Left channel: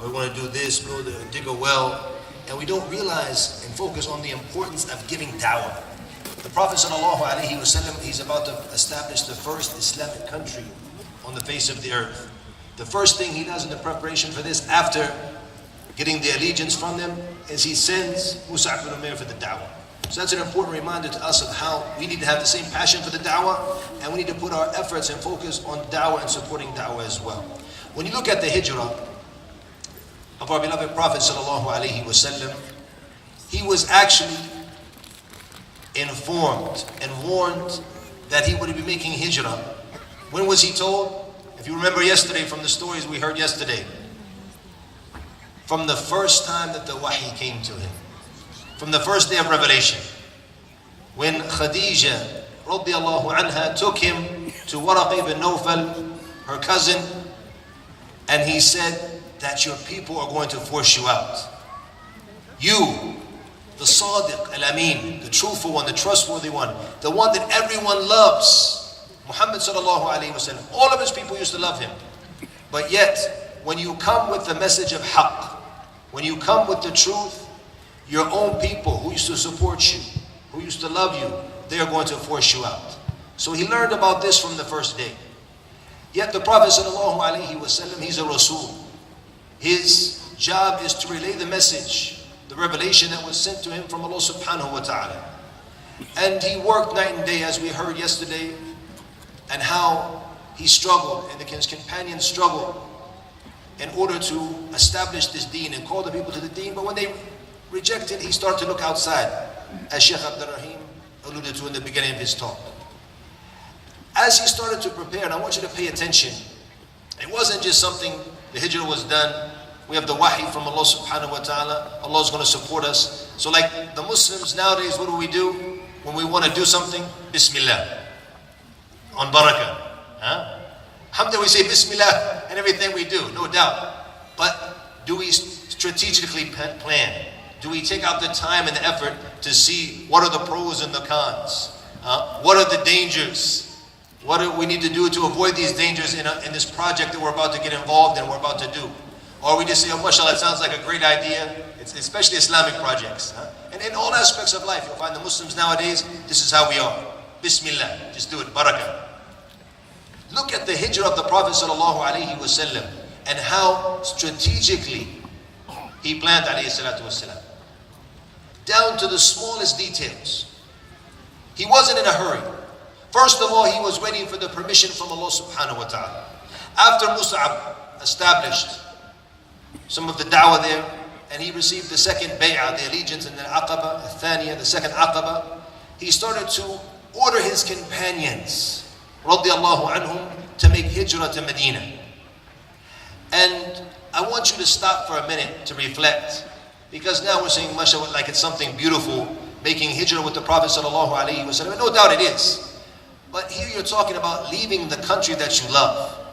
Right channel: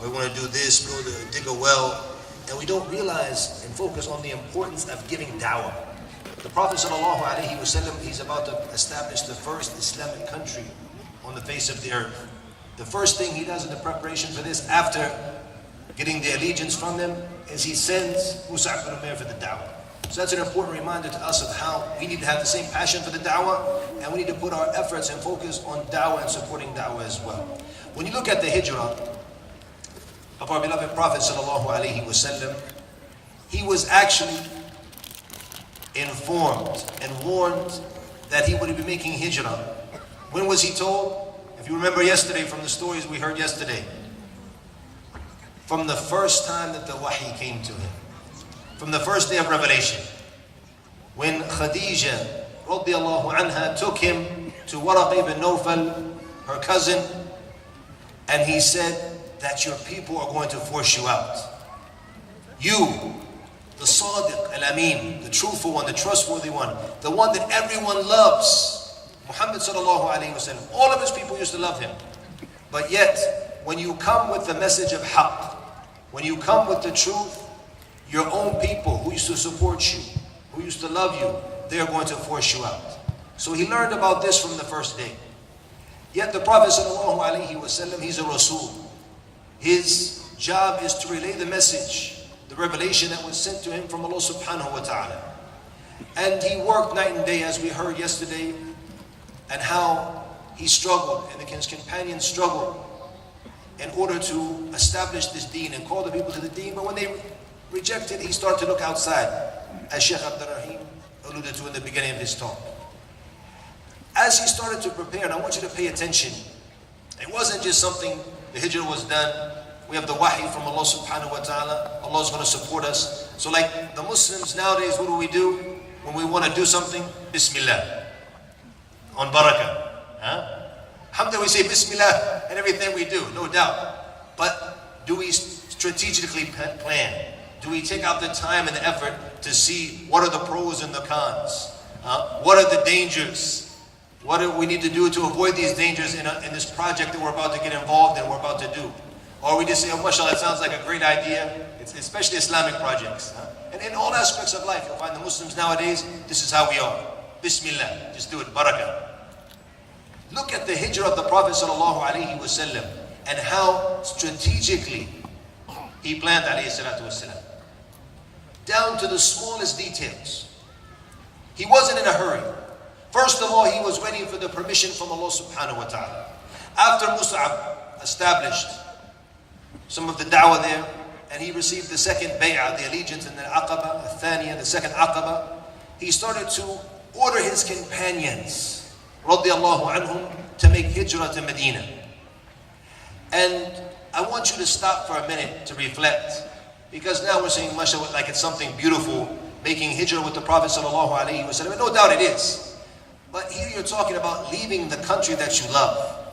or we want to do this, go there, dig a well, and we don't realize and focus on the importance of giving da'wah. The Prophet ﷺ, he's about to establish the first Islamic country on the face of the earth. The first thing he does in the preparation for this, after getting the allegiance from them, is he sends Mus'ab ibn Umair for the da'wah. So that's an important reminder to us of how we need to have the same passion for the da'wah, and we need to put our efforts and focus on da'wah and supporting da'wah as well. When you look at the hijrah of our beloved Prophet ﷺ, he was actually informed and warned that he would be making hijrah. When was he told? If you remember yesterday from the stories we heard yesterday, from the first time that the wahi came to him, from the first day of revelation, when Khadija radiallahu anha took him to Waraq ibn Nawfal, her cousin, and he said that your people are going to force you out. You, the Sadiq al-Amin, the truthful one, the trustworthy one, the one that everyone loves, Muhammad sallallahu alayhi wa sallam, all of his people used to love him. But yet, when you come with the message of haqq, when you come with the truth, your own people who used to support you, who used to love you, they are going to force you out. So he learned about this from the first day. Yet the Prophet ﷺ, he's a Rasul. His job is to relay the message, the revelation that was sent to him from Allah subhanahu wa ta'ala. And he worked night and day, as we heard yesterday, and how he struggled, and his companions struggled in order to establish this deen and call the people to the deen. But when they rejected, he started to look outside, as Sheikh Abdul alluded to in the beginning of his talk. As he started to prepare, and I want you to pay attention, it wasn't just something, the hijrah was done, we have the wahi from Allah subhanahu wa ta'ala, Allah is going to support us. So like the Muslims nowadays, what do? When we want to do something, Bismillah, on barakah. Alhamdulillah, we say Bismillah in everything we do, no doubt. But do we strategically plan? Do we take out the time and the effort to see what are the pros and the cons? What are the dangers? What do we need to do to avoid these dangers in this project that we're about to get involved in, we're about to do? Or we just say, oh, mashallah, it sounds like a great idea, especially Islamic projects. And in all aspects of life, you'll find the Muslims nowadays, this is how we are. Bismillah, just do it, barakah. Look at the hijrah of the Prophet ﷺ and how strategically he planned, alayhi salatu wasalam, down to the smallest details. He wasn't in a hurry. First of all, he was waiting for the permission from Allah subhanahu wa ta'ala. After Mus'ab established some of the da'wah there, and he received the second bay'ah, the allegiance, and the aqaba, the thaniya, the second aqaba, he started to order his companions, radiallahu anhum, to make hijrah to Madinah. And I want you to stop for a minute to reflect, because now we're saying, mashallah, like it's something beautiful, making hijrah with the Prophet sallallahu alaihi wasallam. No doubt it is. But here you're talking about leaving the country that you love.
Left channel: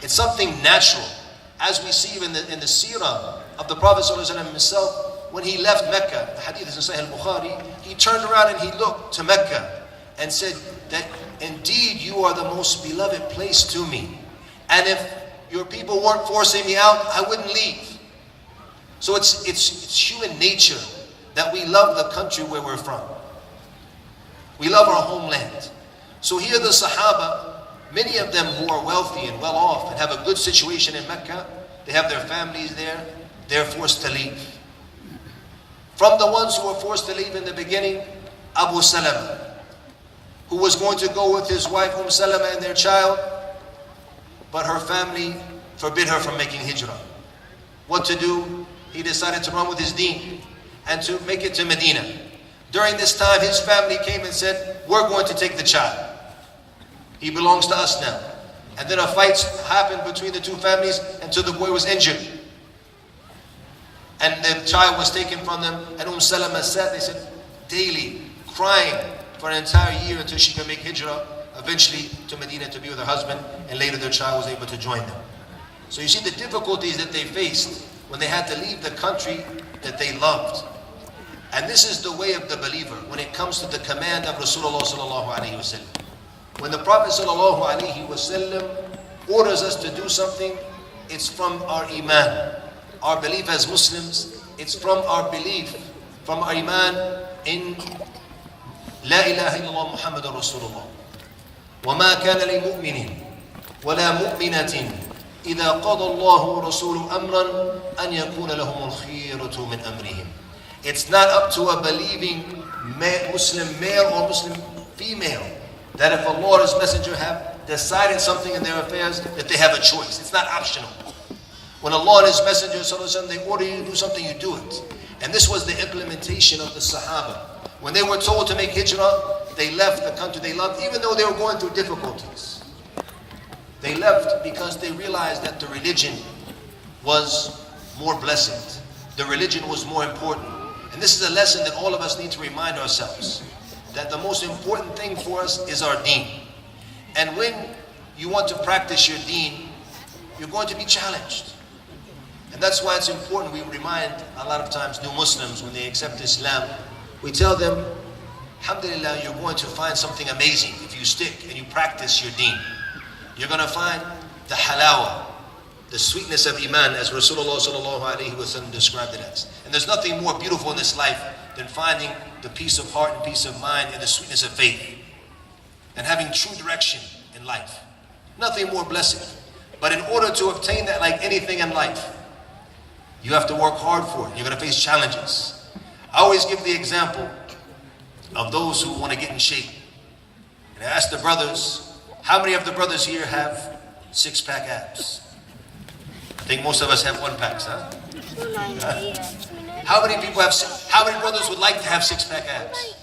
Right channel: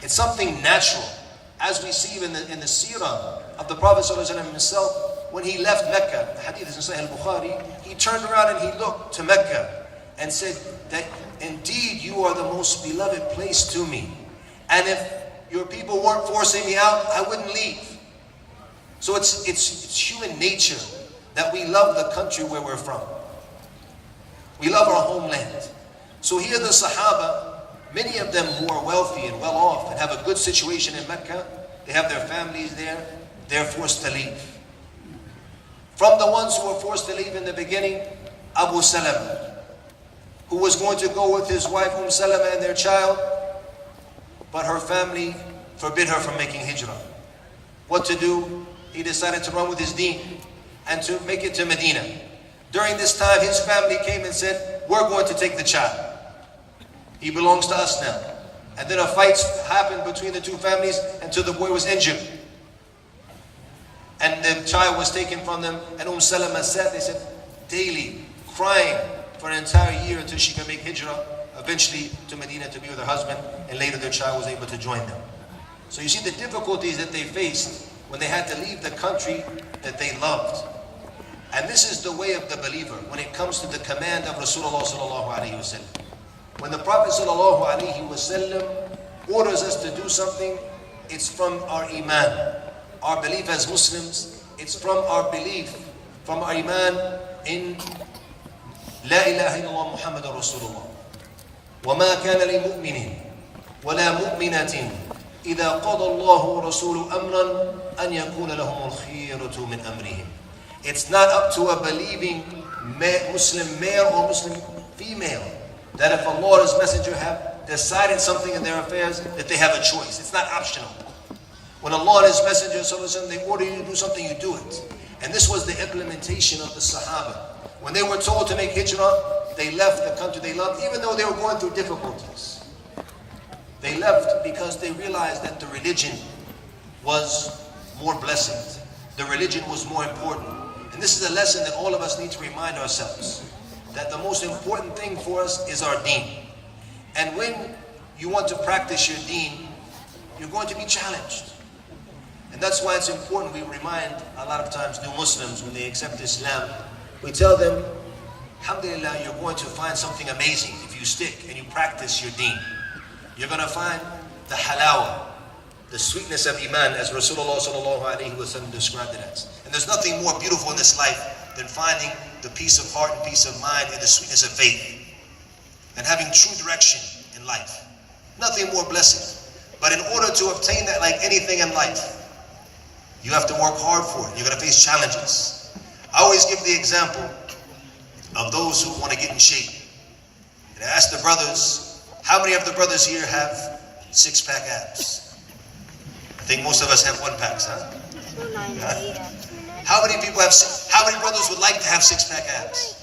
It's something natural. As we see in the Seerah of the Prophet ﷺ himself, when he left Mecca, the hadith is in Sahih al-Bukhari, he turned around and he looked to Mecca and said that indeed you are the most beloved place to me. And if your people weren't forcing me out, I wouldn't leave. So it's human nature that we love the country where we're from. We love our homeland. So here the Sahaba, many of them who are wealthy and well off and have a good situation in Mecca, they have their families there, they're forced to leave. From the ones who were forced to leave in the beginning, Abu Salama, who was going to go with his wife Salama and their child, but her family forbid her from making hijrah. What to do? He decided to run with his deen and to make it to Medina. During this time, his family came and said, we're going to take the child. He belongs to us now. And then a fight happened between the two families until the boy was injured. And the child was taken from them, and Salama sat, they said, daily, crying for an entire year until she could make hijrah, eventually to Medina to be with her husband, and later their child was able to join them. So you see the difficulties that they faced when they had to leave the country that they loved. And this is the way of the believer when it comes to the command of Rasulullah sallallahu alaihi wasallam. When the Prophet sallallahu alaihi wasallam orders us to do something, it's from our iman. Our belief as Muslims, it's from our belief, from our iman in La ilaha illallah Muhammadur Rasulullah. وَمَا كَانَ لِمُؤْمِنٍ وَلَا مُؤْمِنَةٍ إِذَا قَضَى اللَّهُ وَرَسُولُهُ أَمْرًا أَنْ يَكُونَ لَهُمُ الْخِيَرَةُ مِنْ أَمْرِهِمْ. It's not up to a believing Muslim male or Muslim female that if Allah or His Messenger have decided something in their affairs, that they have a choice. It's not optional. When Allah and His Messenger, they order you to do something, you do it. And this was the implementation of the Sahaba. When they were told to make hijrah, they left the country they loved, even though they were going through difficulties. They left because they realized that the religion was more blessed. The religion was more important. And this is a lesson that all of us need to remind ourselves, that the most important thing for us is our deen. And when you want to practice your deen, you're going to be challenged. And that's why it's important we remind a lot of times new Muslims when they accept Islam, we tell them, alhamdulillah, you're going to find something amazing if you stick and you practice your deen. You're going to find the halawa, the sweetness of iman, as Rasulullah sallallahu alaihi wasallam described it as. And there's nothing more beautiful in this life than finding the peace of heart and peace of mind and the sweetness of faith and having true direction in life. Nothing more blessed. But in order to obtain that, like anything in life, you have to work hard for it. You're going to face challenges. I always give the example of those who want to get in shape. And I ask the brothers, how many of the brothers here have six-pack abs? I think most of us have one-packs, huh? How many people have, how many brothers would like to have six-pack abs?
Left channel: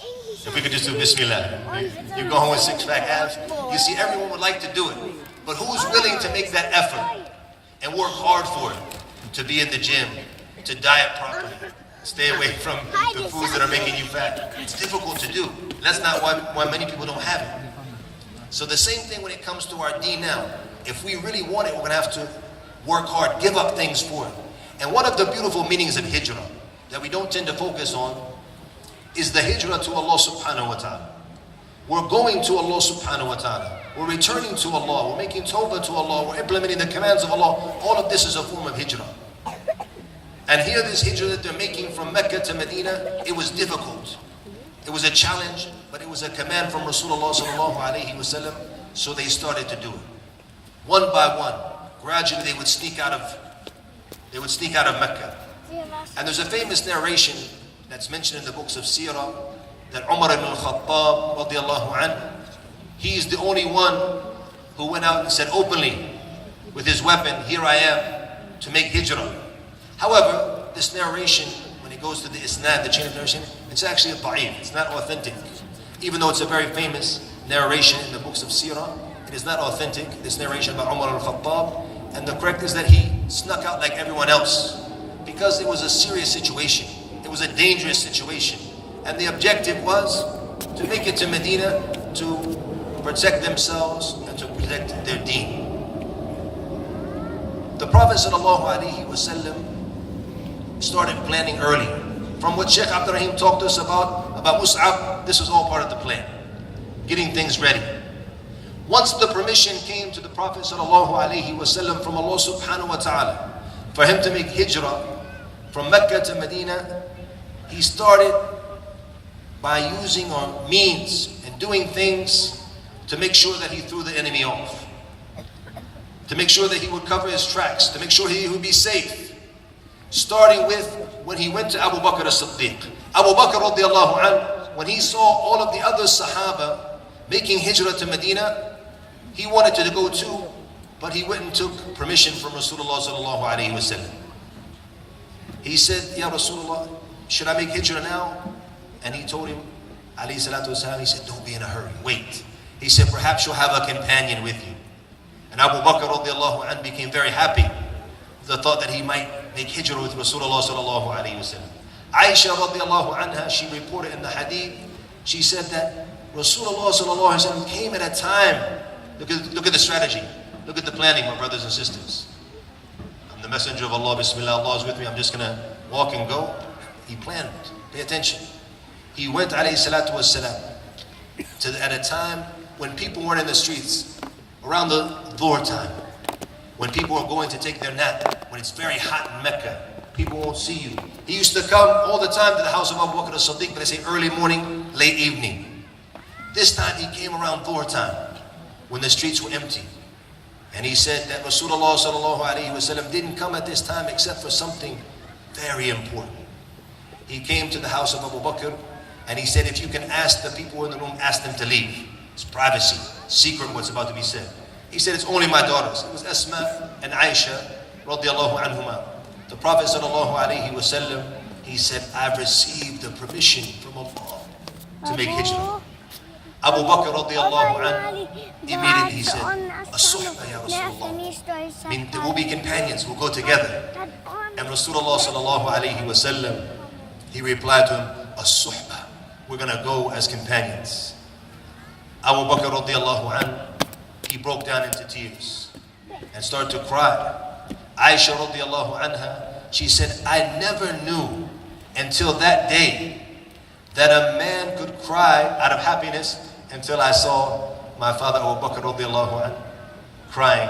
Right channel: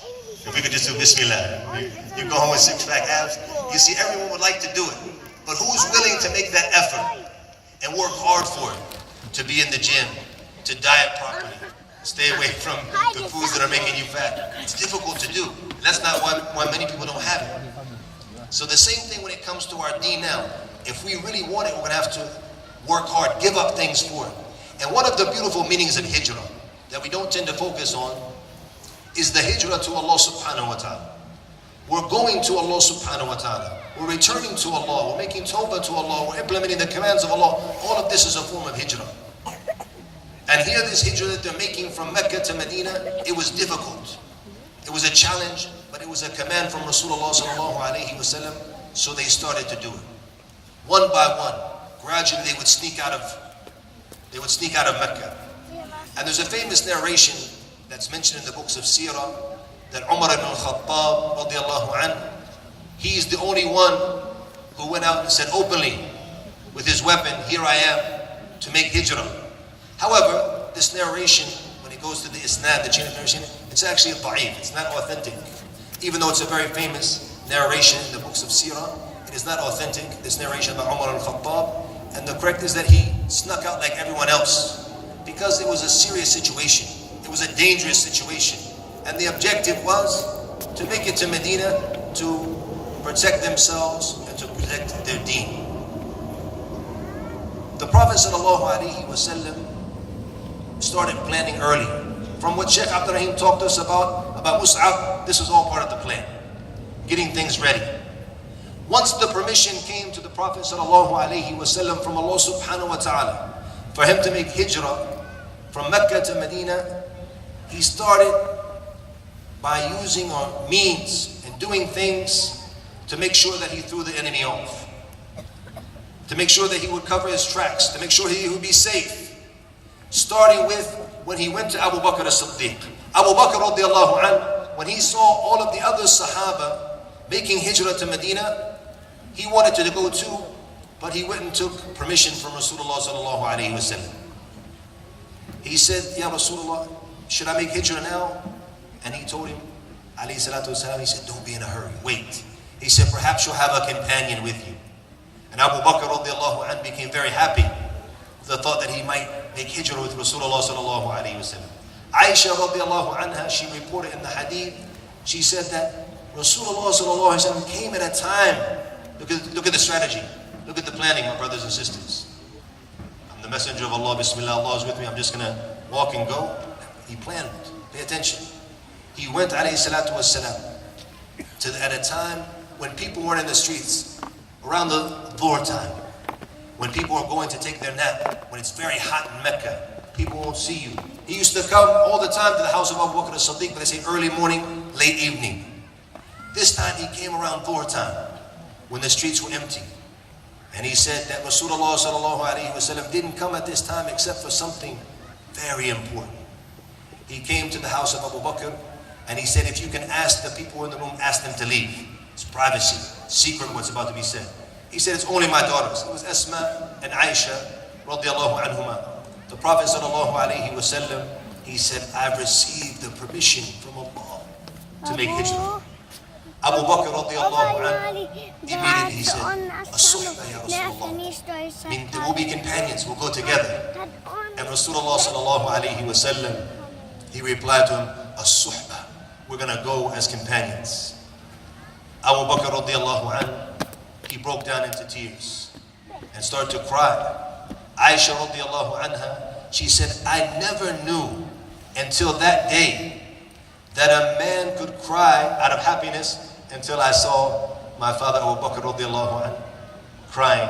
If we could just do Bismillah. You go home with six-pack abs. You see, everyone would like to do it. But who's willing to make that effort and work hard for it? To be in the gym, to diet properly, stay away from the foods that are making you fat. It's difficult to do. That's not why many people don't have it. So the same thing when it comes to our deen now. If we really want it, we're going to have to work hard, give up things for it. And one of the beautiful meanings of hijrah that we don't tend to focus on is the hijrah to Allah subhanahu wa ta'ala. We're going to Allah subhanahu wa ta'ala. We're returning to Allah. We're making tawbah to Allah. We're implementing the commands of Allah. All of this is a form of hijrah. And here this hijrah that they're making from Mecca to Medina, it was difficult. It was a challenge, but it was a command from Rasulullah sallallahu alaihi wasallam, so they started to do it. One by one, gradually they would sneak out of Mecca. And there's a famous narration that's mentioned in the books of Seerah that Umar ibn al-Khattab radiallahu anhu, he's the only one who went out and said openly with his weapon, here I am, to make hijrah. However, this narration, when it goes to the isnad, the chain of narration, it's actually da'if, it's not authentic. Even though it's a very famous narration in the books of Seerah, it is not authentic, this narration by Umar al-Khattab. And the correct is that he snuck out like everyone else because it was a serious situation. It was a dangerous situation. And the objective was to make it to Medina to protect themselves and to protect their deen. The Prophet ﷺ started planning early. From what Sheikh Abdul talked to us about Mus'ab, this was all part of the plan. Getting things ready. Once the permission came to the Prophet ﷺ from Allah subhanahu wa ta'ala for him to make hijrah from Mecca to Medina, he started by using our means and doing things to make sure that he threw the enemy off, to make sure that he would cover his tracks, to make sure he would be safe. Starting with when he went to Abu Bakr as-Siddiq. Abu Bakr radiallahu anhu, when he saw all of the other Sahaba making hijrah to Medina, he wanted to go too, but he went and took permission from Rasulullah sallallahu alayhi wa sallam. He said, Ya Rasulullah, should I make hijrah now? And he told him, alayhi salatu wasalam, he said, don't be in a hurry, wait. He said, perhaps you'll have a companion with you. And Abu Bakr radiallahu anhu became very happy with the thought that he might make hijrah with Rasulullah sallallahu alayhi wa sallam. Aisha radiallahu anha, she reported in the hadith, she said that Rasulullah sallallahu alayhi wa sallam came at a time, look at the strategy, look at the planning, my brothers and sisters. I'm the messenger of Allah, Bismillah, Allah is with me, I'm just going to walk and go. He planned, pay attention. He went alayhi salatu wasalam at a time when people weren't in the streets, around the Dhuhr time. when people are going to take their nap, when it's very hot in Mecca, people won't see you. He used to come all the time to the house of Abu Bakr as-Siddiq, but they say early morning, late evening. This time he came around Dhuhr time, when the streets were empty. And he said that Rasulullah sallallahu alayhi wa sallam didn't come at this time except for something very important. He came to the house of Abu Bakr and he said, if you can ask the people in the room, ask them to leave. It's privacy, secret what's about to be said. He said, it's only my daughters. It was Asma and Aisha radiallahu anhuma. The Prophet sallallahu alayhi wa sallam, he said, I've received the permission from Allah to make hijrah. Abu Bakr radiallahu anhu, immediately he said, As-suhba ya Rasulullah. We'll be companions, we'll go together. And Rasulullah sallallahu alayhi wa sallam, he replied to him, As-suhba. We're going to go as companions. Abu Bakr radiallahu anhu, he broke down into tears and started to cry. Aisha radiallahu anha, she said, I never knew until that day that a man could cry out of happiness until I saw my father Abu Bakr radiallahu anhu crying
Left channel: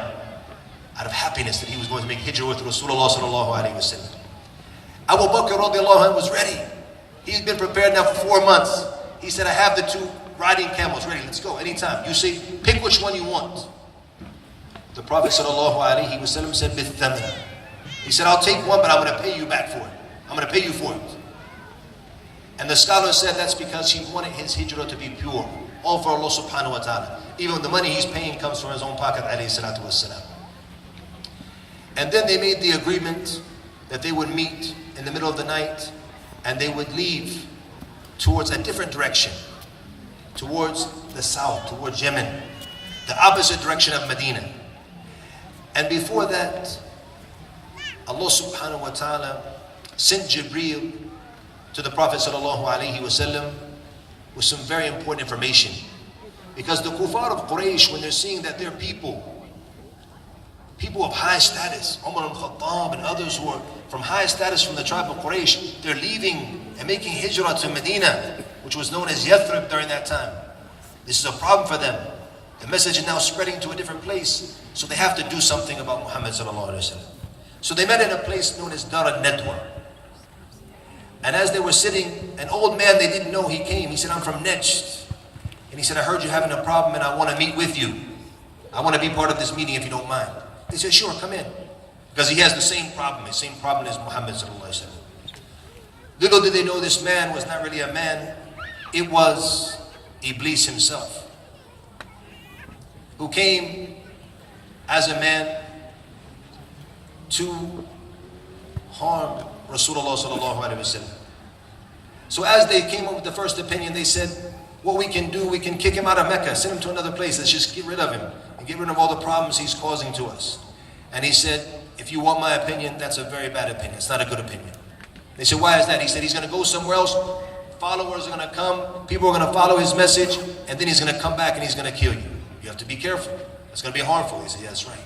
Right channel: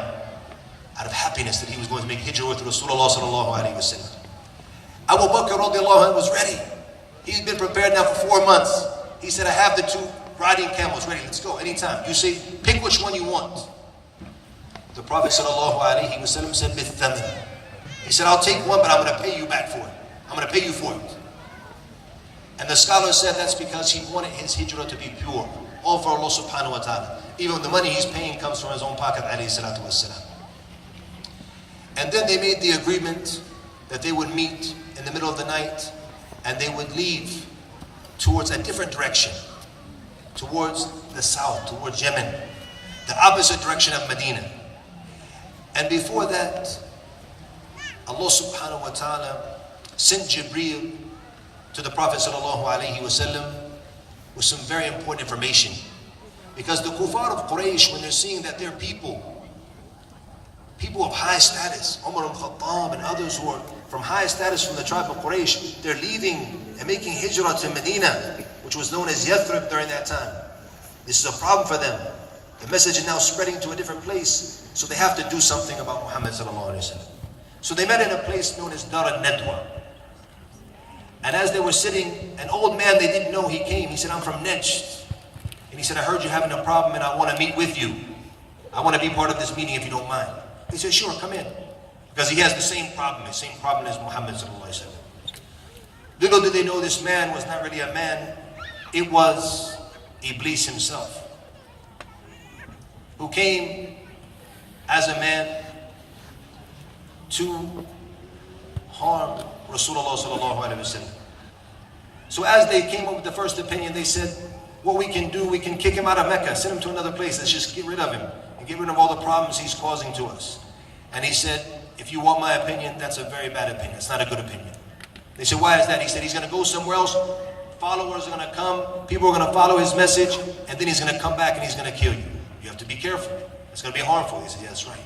out of happiness that he was going to make hijrah with Rasulullah sallallahu alayhi wa sallam. Abu Bakr radiallahu anhu was ready. He'd been prepared now for 4 months. He said, I have the 2 riding camels ready. Let's go anytime. You say, pick which one you want. The Prophet sallallahu alayhi wa sallam said, Bithaman. He said, I'll take one, but I'm going to pay you back for it. I'm going to pay you for it. And the scholar said that's because he wanted his hijrah to be pure. All for Allah subhanahu wa ta'ala. Even the money he's paying comes from his own pocket, alayhi salatu wassalam. And then they made the agreement that they would meet in the middle of the night and they would leave towards a different direction, towards the south, towards Yemen, the opposite direction of Madinah. And before that, Allah subhanahu wa ta'ala sent Jibreel to the Prophet sallallahu alayhi wa sallam with some very important information. Because the kuffar of Quraysh, when they're seeing that they're people of high status, Umar al-Khattab and others who are from high status from the tribe of Quraysh, they're leaving and making hijrah to Medina, which was known as Yathrib during that time. This is a problem for them. The message is now spreading to a different place, so they have to do something about Muhammad sallallahu alaihi wasallam. So they met in a place known as Dar al-Nadwa. And as they were sitting, an old man, they didn't know he came. He said, I'm from Najd. And he said, I heard you're having a problem and I want to meet with you. I want to be part of this meeting if you don't mind. He said, sure, come in. Because he has the same problem as Muhammad sallallahu alaihi wasallam. Little did they know this man was not really a man. It was Iblis himself, who came as a man to harm Rasulullah sallallahu alaihi wasallam. So as they came up with the first opinion, they said, what we can do, we can kick him out of Mecca, send him to another place, let's just get rid of him and get rid of all the problems he's causing to us. And he said, if you want my opinion, that's a very bad opinion, it's not a good opinion. They said, why is that? He said, he's going to go somewhere else, followers are going to come, people are going to follow his message, and then he's going to come back and he's going to kill you. You have to be careful. It's going to be harmful. He said, yeah, that's right.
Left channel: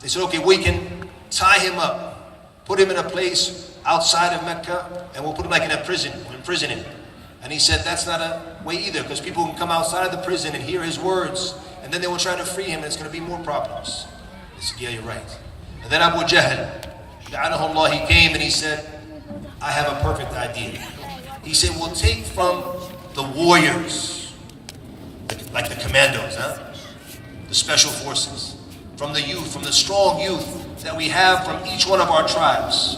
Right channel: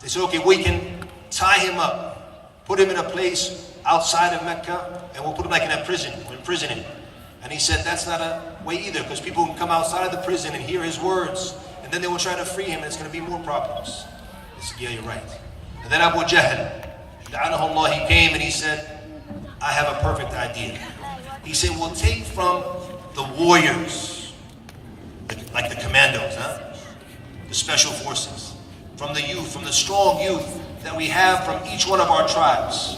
They said, okay, we can tie him up, put him in a place outside of Mecca, and we'll put him like in a prison, we'll imprison him. And he said, that's not a way either, because people can come outside of the prison and hear his words, and then they will try to free him, and it's going to be more problems. He said, yeah, you're right. And then Abu Jahl, la'anahullah, he came and he said, I have a perfect idea. He said, we'll take from the warriors, like the commandos, the special forces, from the youth, from the strong youth that we have from each one of our tribes,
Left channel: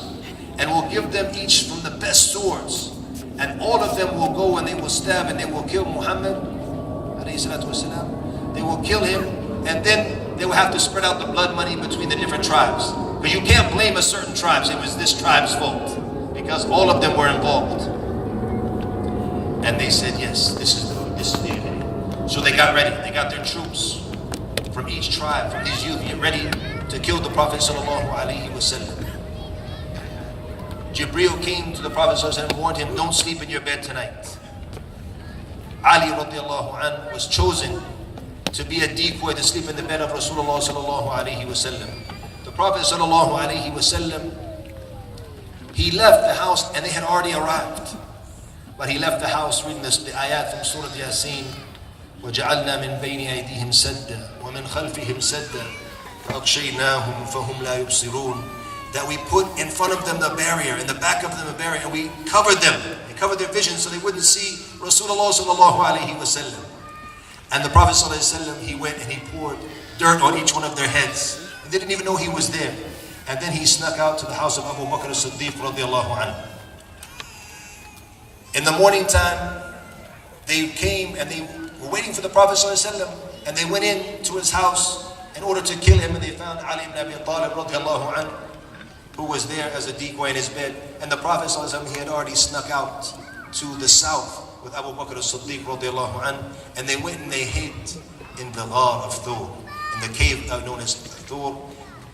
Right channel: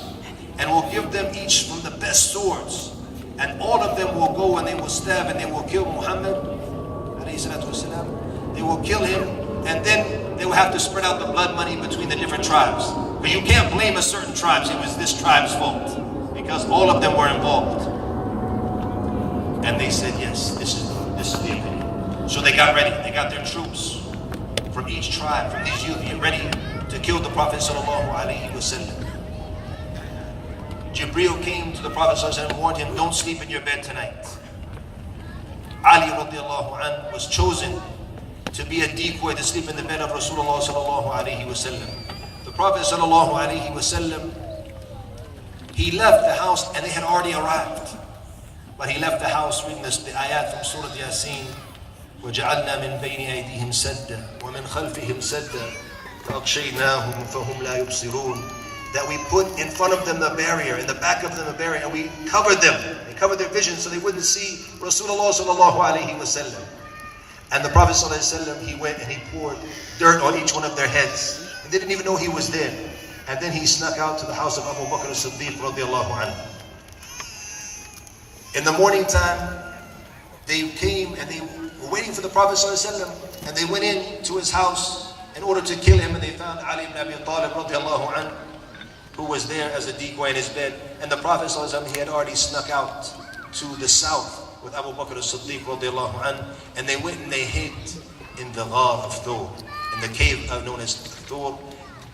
and we'll give them each from the best swords, and all of them will go and they will stab and they will kill Muhammad, they will kill him, and then they will have to spread out the blood money between the different tribes. But you can't blame a certain tribe, it was this tribe's fault, because all of them were involved. And they said, yes, this is the opinion. So they got ready, they got their troops from each tribe, from these youth, get ready to kill the Prophet sallallahu alaihi wasallam. Jibreel came to the Prophet sallallahu alaihi wasallam and warned him, don't sleep in your bed tonight. Ali radiallahu anhu was chosen to be a decoy to sleep in the bed of Rasulullah sallallahu alaihi wasallam. The Prophet sallallahu alaihi wasallam, he left the house and they had already arrived. But he left the house reading the ayat from Surah Yasin, وَجَعَلْنَا مِنْ بَيْنِ أَيْدِيهِمْ سَدًّا وَمِنْ خَلْفِهِمْ سَدًّا فَأَغْشَيْنَاهُمْ فَهُمْ لَا يُبْصِرُونَ. That we put in front of them the barrier, in the back of them a barrier, and we covered them. We covered their vision so they wouldn't see Rasulullah sallallahu alaihi wasallam. And the Prophet sallallahu alaihi wasallam, he went and he poured dirt on each one of their heads. They didn't even know he was there. And then he snuck out to the house of Abu Bakr as-Siddiq radiallahu anhu. In the morning time, they came and they were waiting for the Prophet ﷺ, and they went in to his house in order to kill him, and they found Ali ibn Abi Talib radiallahu anhu, who was there as a decoy in his bed. And the Prophet ﷺ, he had already snuck out to the south with Abu Bakr as-Siddiq radiallahu anhu, and they went and they hid in the Ghar of Thur, in the cave known as Thur,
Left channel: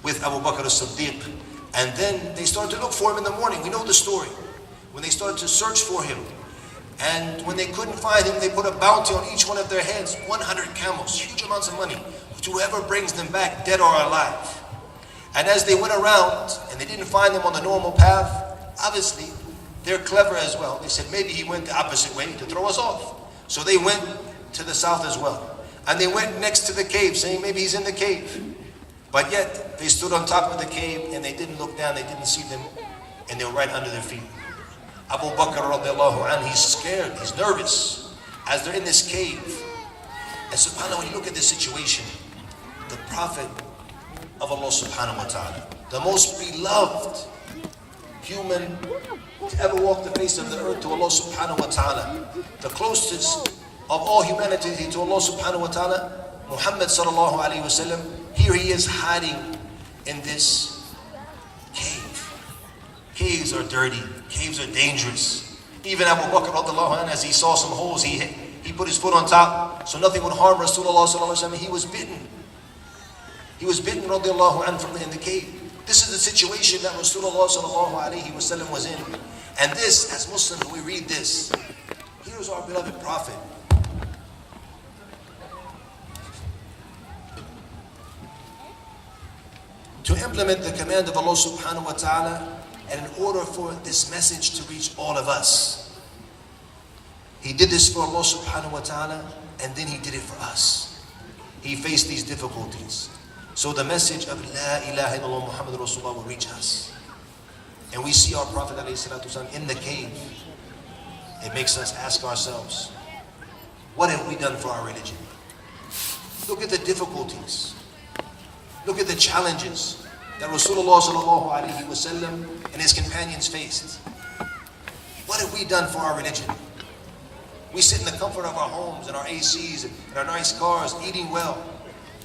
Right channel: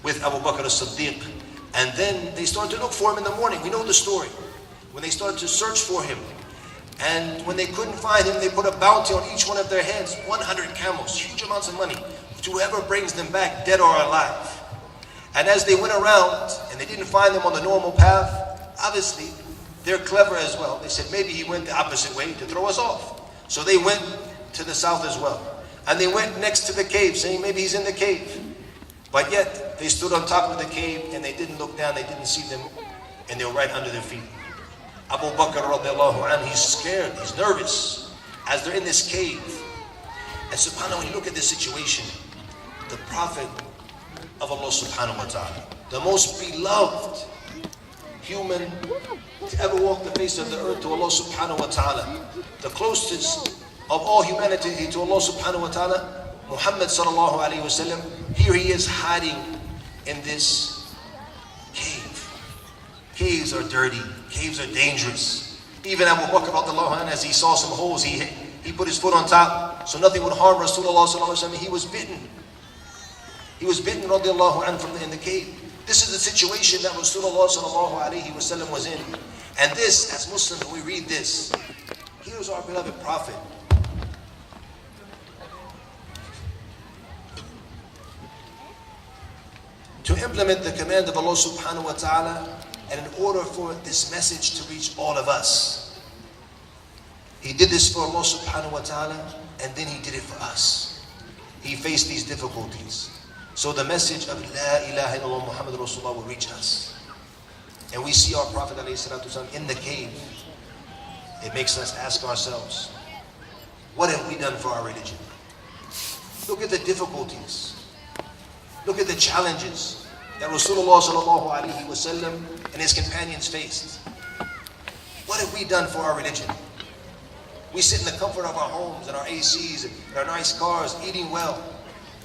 with Abu Bakr as-Siddiq. And then they started to look for him in the morning. We know the story. When they started to search for him, and when they couldn't find him, they put a bounty on each one of their heads, 100 camels, huge amounts of money, to whoever brings them back, dead or alive. And as they went around, and they didn't find them on the normal path, obviously, they're clever as well. They said, maybe he went the opposite way to throw us off. So they went to the south as well. And they went next to the cave, saying maybe he's in the cave. But yet, they stood on top of the cave, and they didn't look down, they didn't see them, and they were right under their feet. Abu Bakr radiallahu anhu, he's scared, he's nervous, as they're in this cave. And subhanAllah, when you look at this situation, the Prophet of Allah subhanahu wa ta'ala, the most beloved human to ever walk the face of the earth to Allah subhanahu wa ta'ala, the closest of all humanity to Allah subhanahu wa ta'ala, Muhammad sallallahu alayhi wa sallam, here he is hiding in this cave. Caves are dirty, caves are dangerous. Even Abu Bakr radiallahu anhu, as he saw some holes, he put his foot on top so nothing would harm Rasulullah sallallahu alaihi wasallam. He was bitten. He was bitten radiallahu anhu from in the cave. This is the situation that Rasulullah sallallahu alaihi wasallam was in. And this, as Muslims, when we read this, here's our beloved Prophet. To implement the command of Allah subhanahu wa ta'ala, and in order for this message to reach all of us, he did this for Allah subhanahu wa ta'ala, and then he did it for us. He faced these difficulties. So the message of La ilaha illallah Muhammad Rasulullah will reach us. And we see our Prophet ﷺ in the cave. It makes us ask ourselves, what have we done for our religion? Look at the difficulties. Look at the challenges that Rasulullah sallallahu alaihi wasallam and his companions faced. What have we done for our religion? We sit in the comfort of our homes and our ACs and our nice cars, eating well.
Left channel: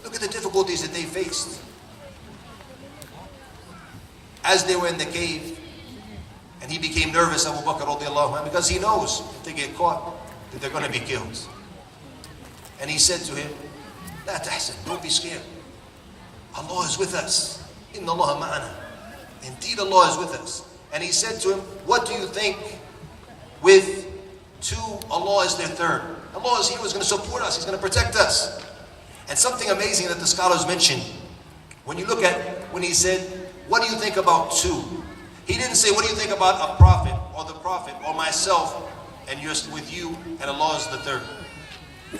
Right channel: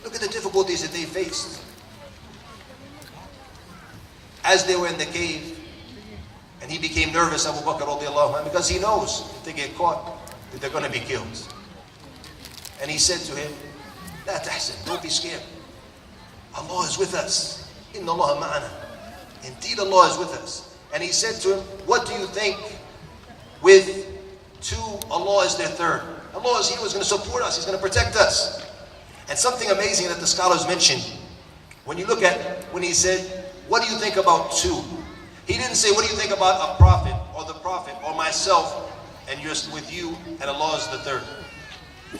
Look at the difficulties that they faced. As they were in the cave, and he became nervous, Abu Bakr radiallahu anhu, because he knows if they get caught, that they're going to be killed. And he said to him, La tahsan, don't be scared. Allah is with us. Inna Allah ma'ana. Indeed, Allah is with us. And he said to him, what do you think with two, Allah is their third? Allah is He who is going to support us. He's going to protect us. And something amazing that the scholars mentioned, when you look at, when he said, what do you think about two? He didn't say, what do you think about a prophet or the prophet or myself and just with you and Allah is the third?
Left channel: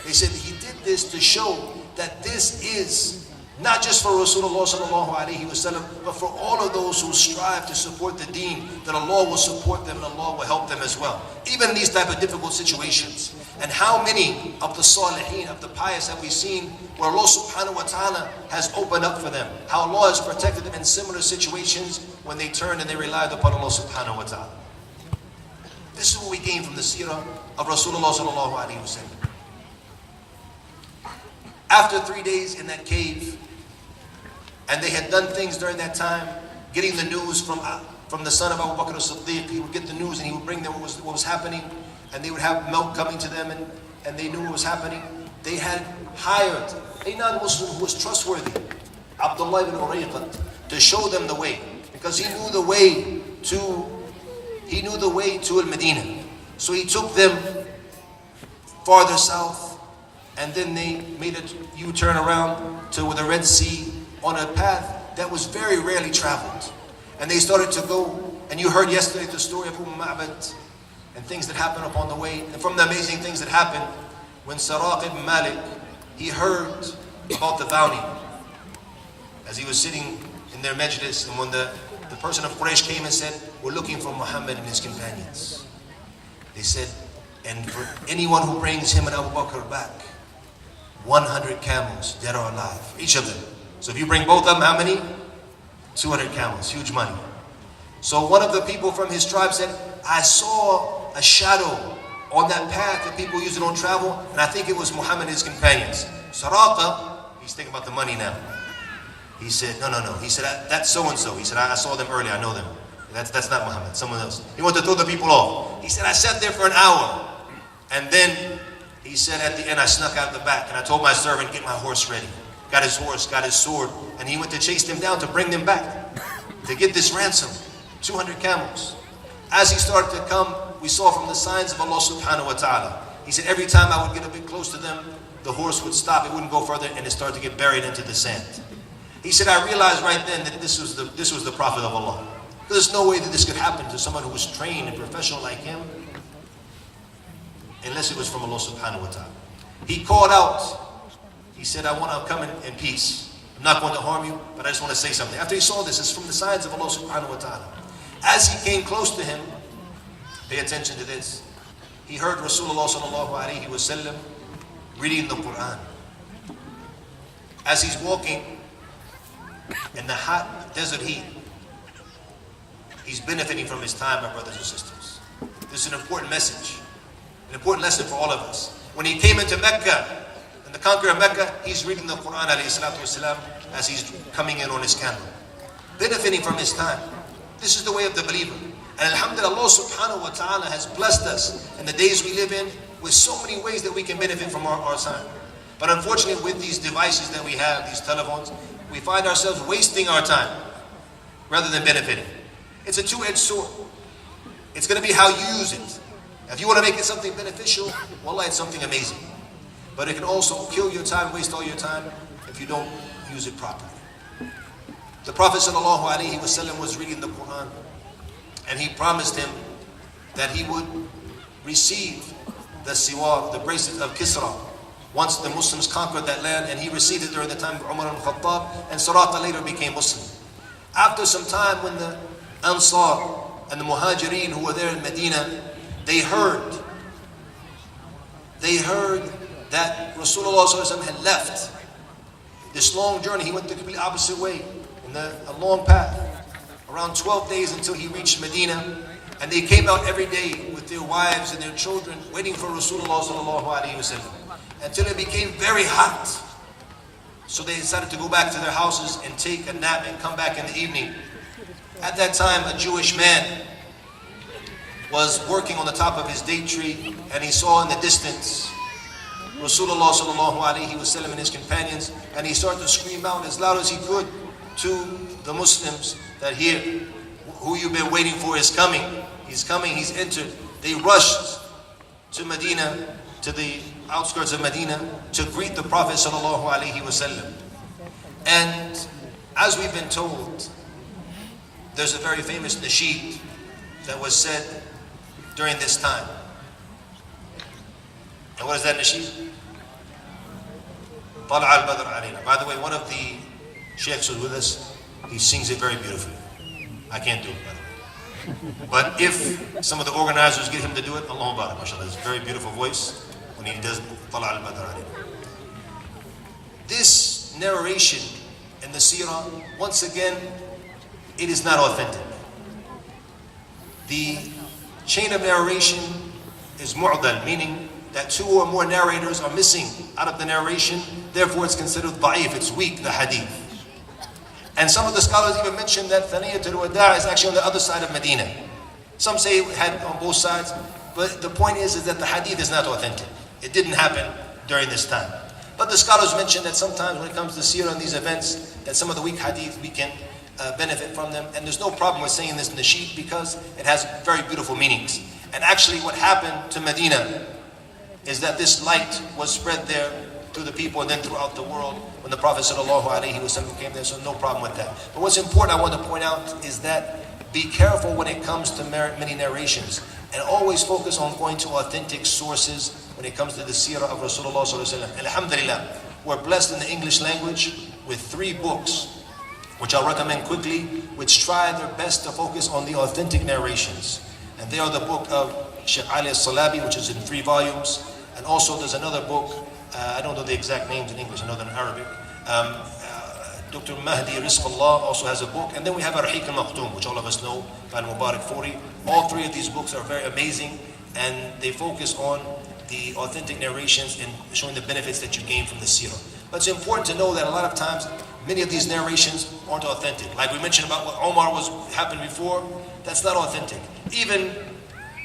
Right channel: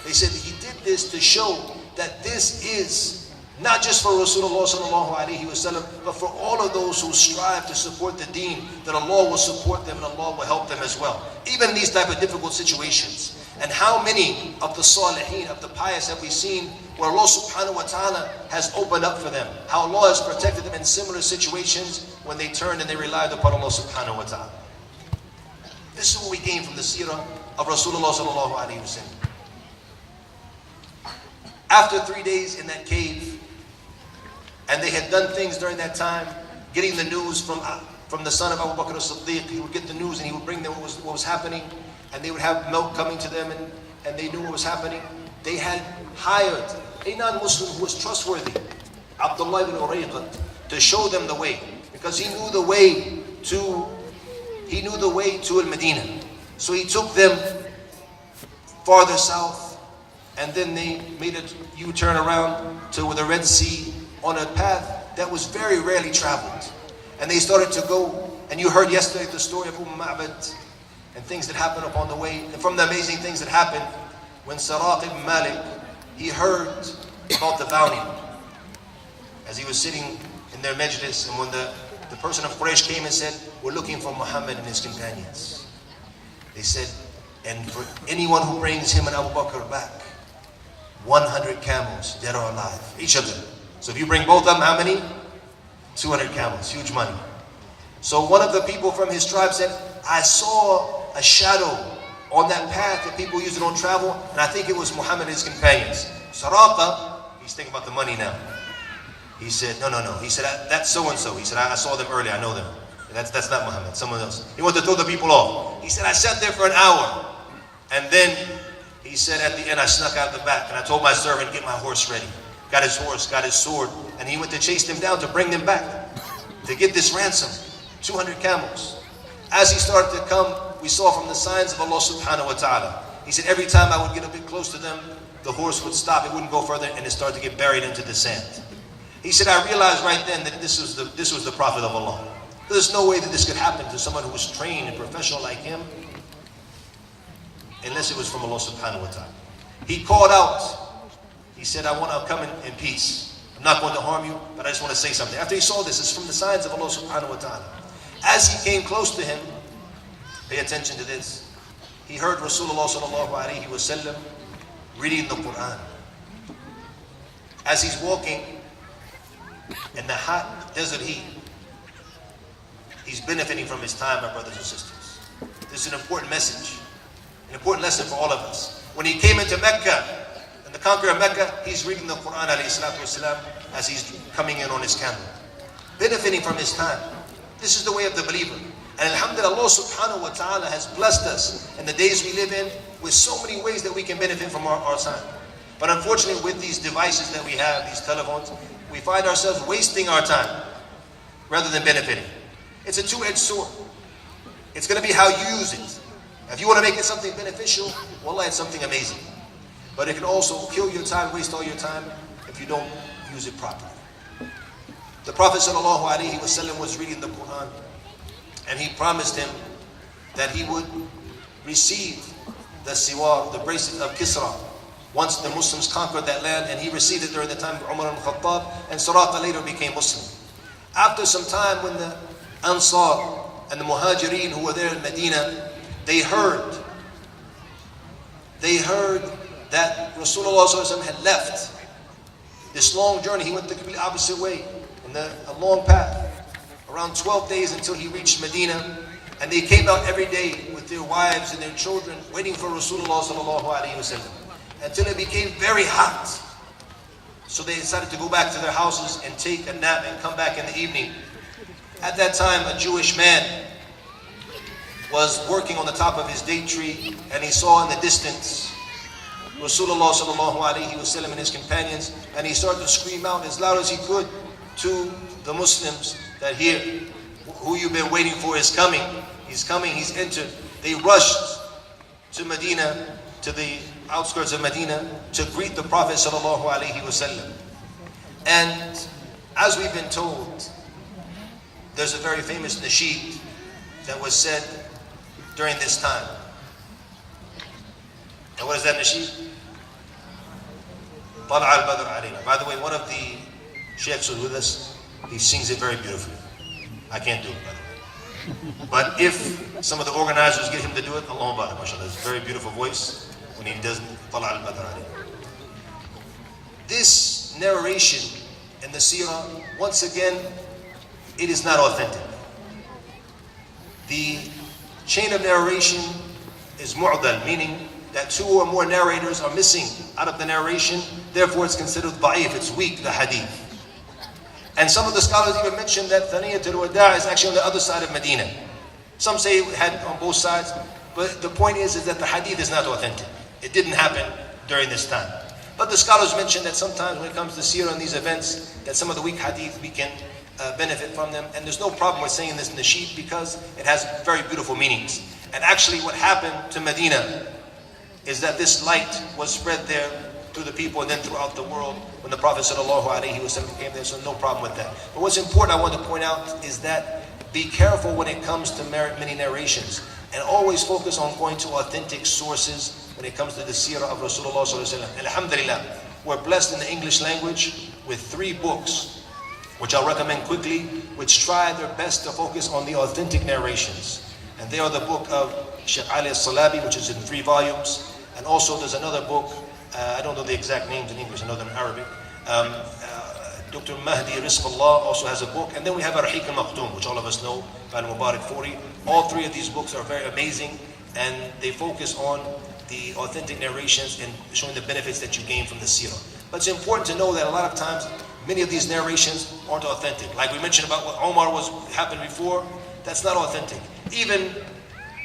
He said he did this to show that this is not just for Rasulullah sallallahu alaihi wasallam, but for all of those who strive to support the deen, that Allah will support them and Allah will help them as well. Even in these type of difficult situations. And how many of the salihin, of the pious have we seen where Allah subhanahu wa ta'ala has opened up for them? How Allah has protected them in similar situations when they turned and they relied upon Allah subhanahu wa ta'ala. This is what we gain from the seerah of Rasulullah sallallahu alaihi wasallam. After 3 days in that cave, and they had done things during that time, getting the news from the son of Abu Bakr as-Siddiq. He would get the news and he would bring them what was happening, and they would have milk coming to them, and they knew what was happening. They had hired a non-Muslim who was trustworthy, Abdul ibn Urayqat, to show them the way, because he knew the way to Madinah. So he took them farther south, and then they made a U-turn around to the Red Sea, on a path that was very rarely traveled. And they started to go, and you heard yesterday the story of Ma'bad and things that happened upon the way. And from the amazing things that happened, when Seerah ibn Malik, he heard about the bounty. as he was sitting in their majlis, and when the person of Quraysh came and said, we're looking for Muhammad and his companions. They said, and for anyone who brings him and Abu Bakr back, 100 camels, dead or alive, each of them. So if you bring both of them, how many? 200 camels, huge money. So one of the people from his tribe said, I saw a shadow on that path that people usually don't travel, and I think it was Muhammad and his companions. Sarata, he's thinking about the money now. He said, no. He said, that's so-and-so. He said, I saw them earlier, I know them. That's not Muhammad, someone else. He wanted to throw the people off. He said, I sat there for an hour. And then he said at the end, I snuck out the back and I told my servant, get my horse ready. Got his horse, got his sword, and he went to chase them down to bring them back, to get this ransom, 200 camels. As he started to come, we saw from the signs of Allah subhanahu wa ta'ala. He said, every time I would get a bit close to them, the horse would stop, it wouldn't go further, and it started to get buried into the sand. He said, I realized right then that this was the Prophet of Allah. There's no way that this could happen to someone who was trained and professional like him, unless it was from Allah subhanahu wa ta'ala. He called out, he said, I'll come in peace. I'm not going to harm you, but I just want to say something. After he saw this, it's from the signs of Allah subhanahu wa ta'ala. As he came close to him, pay attention to this, he heard Rasulullah sallallahu alayhi wa sallam reading the Quran. As he's walking in the hot desert heat, he's benefiting from his time, my brothers and sisters. This is an important message, an important lesson for all of us. When he came into Mecca, and the conqueror of Mecca, he's reading the Quran alayhi salatu wasalam as he's coming in on his camel, benefiting from his time. This is the way of the believer. And alhamdulillah, Allah subhanahu wa ta'ala has blessed us in the days we live in with so many ways that we can benefit from our time. But unfortunately, with these devices that we have, these telephones, we find ourselves wasting our time rather than benefiting. It's a two-edged sword. It's going to be how you use it. If you want to make it something beneficial, wallah, it's something amazing. But it can also kill your time, waste all your time if you don't use it properly. The Prophet sallallahu alaihi wasallam was reading the Quran, and he promised him that he would receive the siwar, the bracelet of Kisra, once the Muslims conquered that land, and he received it during the time of Umar al-Khattab, and Surata later became Muslim. After some time, when the Ansar and the Muhajirin who were there in Madinah, they heard that Rasulullah ﷺ had left this long journey. He went the complete opposite way, in a long path, around 12 days until he reached Medina. And they came out every day with their wives and their children, waiting for Rasulullah ﷺ, until it became very hot. So they decided to go back to their houses and take a nap and come back in the evening. At that time, a Jewish man was working on the top of his date tree, and he saw in the distance Rasulullah ﷺ and his companions, and he started to scream out as loud as he could to the Muslims that here, who you've been waiting for is coming. He's coming, he's entered. They rushed to Medina, to the outskirts of Medina, to greet the Prophet ﷺ. And as we've been told, there's a very famous nasheed that was said during this time. And what is that nasheed? طلع البدر علينا. By the way, one of the sheikhs who's with us, he sings it very beautifully. I can't do it better. But if some of the organizers get him to do it, Allahu Akbar, mashallah, it's a very beautiful voice when he does طلع البدر علينا. This narration in the Seerah, once again, it is not authentic. The chain of narration is mu'dal, meaning that two or more narrators are missing out of the narration, therefore it's considered da'if, it's weak, the hadith. And some of the scholars even mention that Thaniyatul Wada' is actually on the other side of Medina. Some say it had on both sides, but the point is that the hadith is not authentic. It didn't happen during this time. But the scholars mention that sometimes when it comes to seerah and these events, that some of the weak hadith we can benefit from them, and there's no problem with saying this nasheed because it has very beautiful meanings. And actually what happened to Medina is that this light was spread there through the people and then throughout the world when the Prophet ﷺ came there, so no problem with that. But what's important I want to point out is that be careful when it comes to many narrations, and always focus on going to authentic sources when it comes to the seerah of Rasulullah ﷺ. Alhamdulillah, we're blessed in the English language with 3 books which I'll recommend quickly, which try their best to focus on the authentic narrations. And they are the book of Sheikh Ali al-Salabi, which is in 3 volumes. And also there's another book, I don't know the exact names in English, I know they're in Arabic. Dr. Mahdi Rizqullah also has a book. And then we have Ar-Rahiq al-Maktoum, which all of us know, by Mubarak Furi. All 3 of these books are very amazing, and they focus on the authentic narrations and showing the benefits that you gain from the seerah. But it's important to know that a lot of times, many of these narrations aren't authentic. Like we mentioned about what Omar happened before, that's not authentic. Even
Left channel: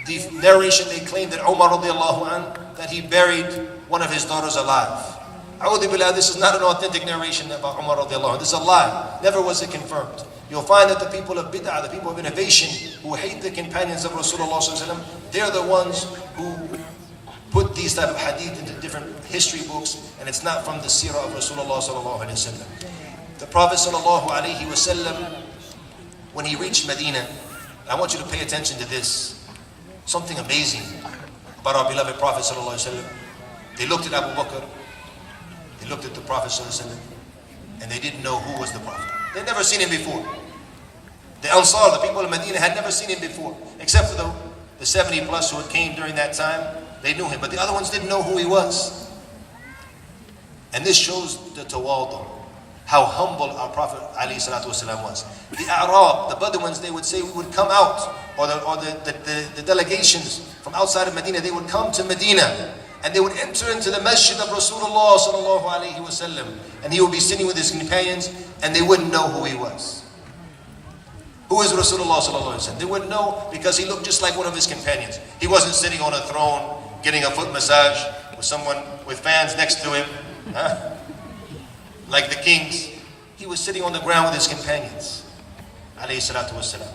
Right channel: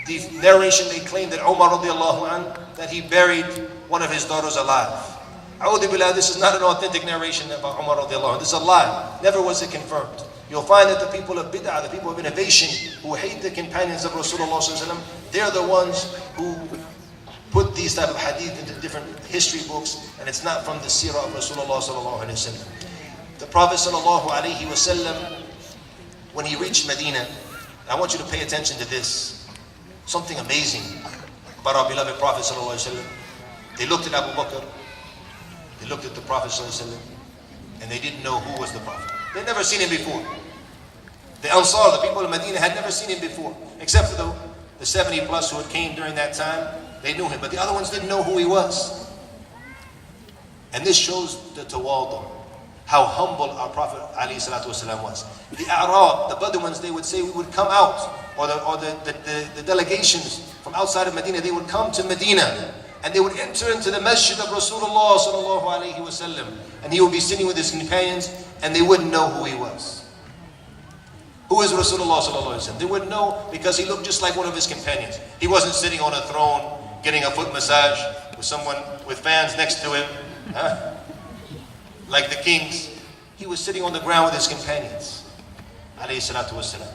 the narration, they claim that Omar radiallahu anh, that he buried one of his daughters alive. A'udhu billah, this is not an authentic narration about Umar radiallahu anhu. This is a lie. Never was it confirmed. You'll find that the people of bid'ah, the people of innovation, who hate the companions of Rasulullah sallallahu alaihi wasallam, they're the ones who put these type of hadith into different history books, and it's not from the seerah of Rasulullah sallallahu alaihi wasallam. The Prophet sallallahu alaihi wasallam, when he reached Medina, I want you to pay attention to this. Something amazing about our beloved Prophet sallallahu alaihi wasallam. They looked at Abu Bakr, they looked at the Prophet sallallahu alaihi wasallam, and they didn't know who was the Prophet. They'd never seen him before. The Ansar, the people of Medina, had never seen him before, except for the 70 plus who had came during that time. They knew him, but the other ones didn't know who he was. And this shows the tawadu, how humble our Prophet ﷺ was. The A'rab, the Bedouins, they would say we would come out, or the delegations from outside of Medina, they would come to Medina, and they would enter into the masjid of Rasulullah ﷺ, and he would be sitting with his companions, and they wouldn't know who he was. Who is Rasulullah ﷺ? They wouldn't know because he looked just like one of his companions. He wasn't sitting on a throne, getting a foot massage with someone with fans next to him, like the kings. He was sitting on the ground with his companions, alayhi salatu wasalam.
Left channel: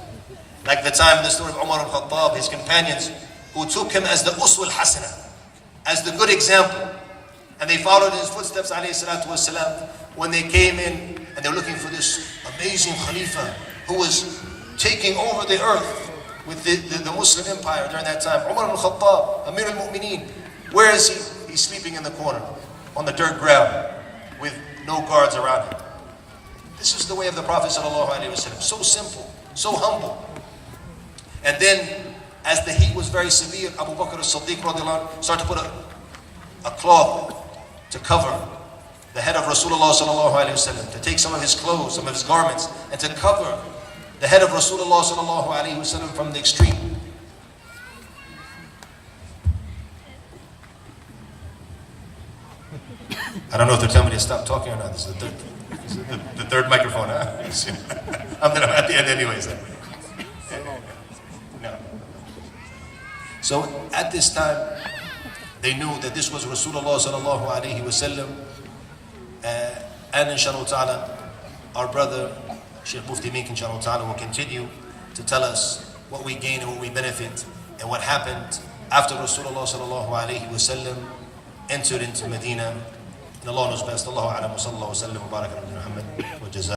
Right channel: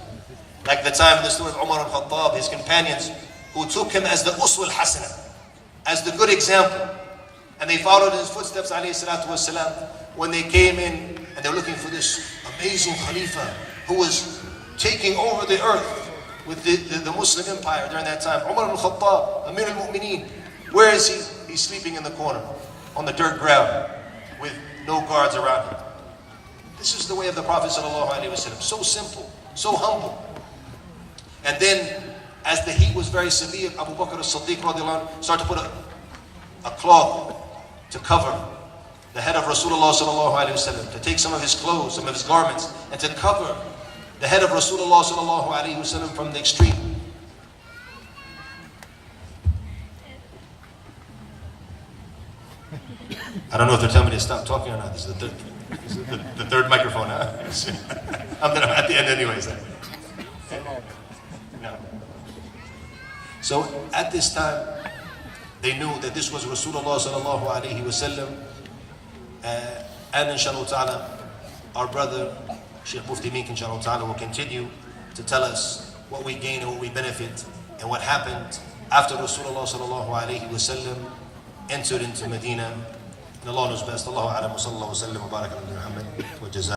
Like the time in the story of Umar al-Khattab, his companions who took him as the uswa al-hasana, as the good example. And they followed in his footsteps, alayhi salatu wasalam, when they came in and they were looking for this amazing Khalifa who was taking over the earth with the Muslim empire during that time. Umar al-Khattab, Amir al-Mu'mineen. Where is he? He's sleeping in the corner, on the dirt ground, with no guards around him. This is the way of the Prophet sallallahu alaihi wasallam. So simple, so humble. And then, as the heat was very severe, Abu Bakr as-Siddiq radiallahu anhu started to put a cloth to cover the head of Rasulullah sallallahu alaihi wasallam, to take some of his clothes, some of his garments, and to cover the head of Rasulullah sallallahu alaihi wasallam from the extreme. I don't know if they're telling me to stop talking or not. This is the third microphone. Huh? I'm at the end anyways. No. So at this time, they knew that this was Rasulullah sallallahu alaihi wasallam, and inshallah ta'ala, our brother Sheikh Mufti Meek inshallah ta'ala will continue to tell us what we gain and what we benefit and what happened after Rasulullah sallallahu alaihi wasallam entered into Medina. And Allah knows best. Allahu a'lam wa sallallahu wa sallam wa baraka ala Muhammad wa jazakum.